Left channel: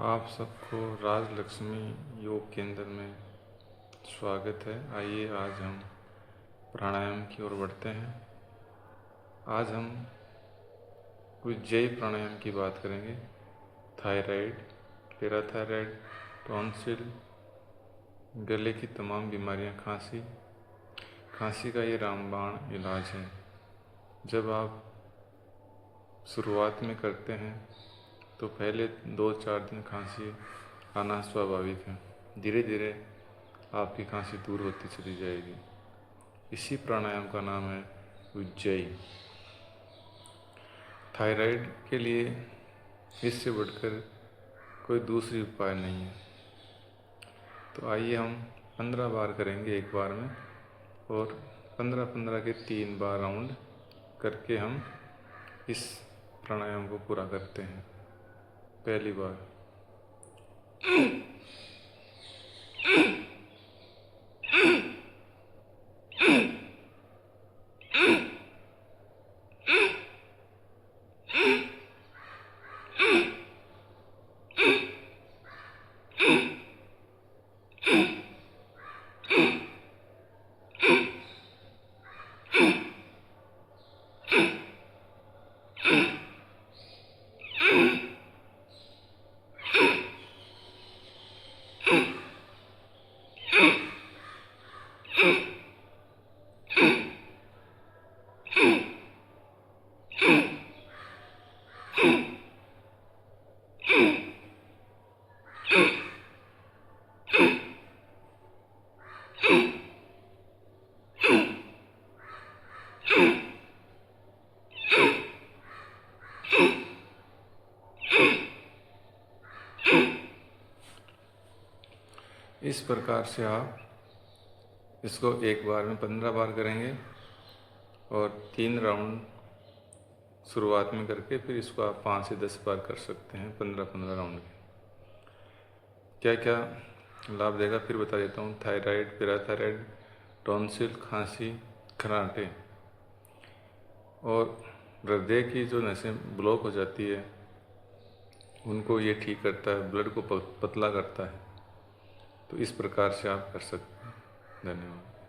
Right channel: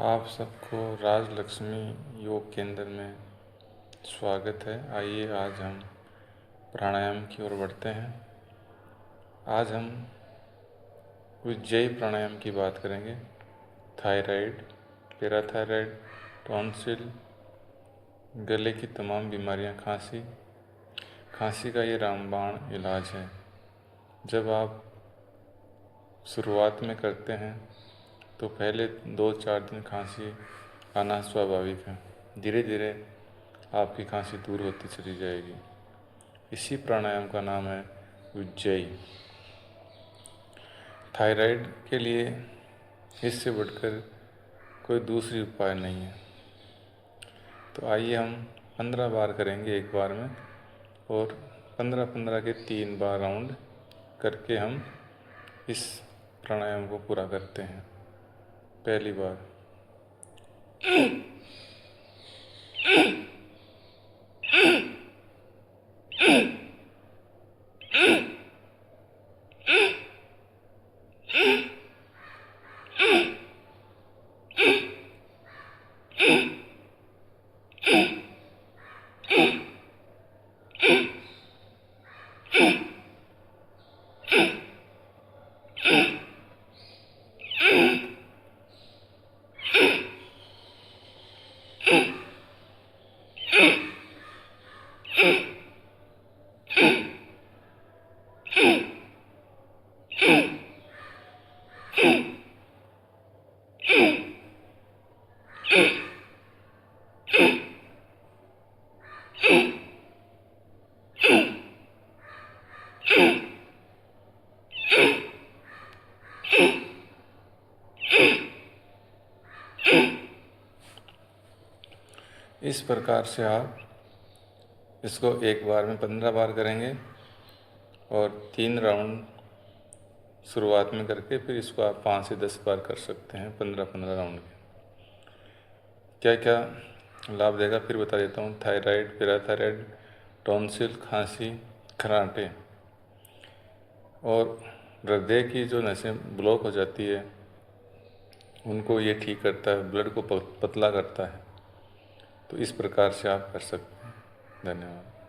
आप सबको राजलक्ष्मी योग केंद्र में स्वागत है। आइए आज हम प्राणायाम की ओर बढ़ते हैं। आज हम उज्जयी प्राणायाम की बात करेंगे। थायराइड, पैराथायराइड, टॉन्सिल, गले की तमाम बीमारियां, खांसी का ये रामबाण इलाज है। जब आप शुरुआत में करते हैं तो पहले 2-4 दिन खांसी आना स्वाभाविक है। धीरे धीरे आपकी खांसी दूर होती चली जाएगी। इसी प्राणायाम का नाम है उज्जयी। थायराइड के लिए इससे बढ़कर कोई दूसरी उपाय नहीं है। तो आइए हम 15 बार करेंगे एक बार में, और 15-15 के 3 बार राउंड करके हम इस प्राणायाम को पूरा करते हैं। पहली बार इस प्रकार से आप इसको एक बार में 15 बार करेंगे और 3 राउंड शुरुआत में करके फिर इसको आप 5 से 10 बार कर सकते हैं। 15-15 राउंड के क्या क्या लाभ देगा फिर बता देता हूँ। थायराइड, पैराथायराइड, टॉन्सिल, खांसी, खराटे और हृदय की जो नसें ब्लॉक हो जाती है उनको ये ठीक करता है, ब्लड को पतला करता है। तो इस प्रकार से आप कर सकते हैं। धन्यवाद।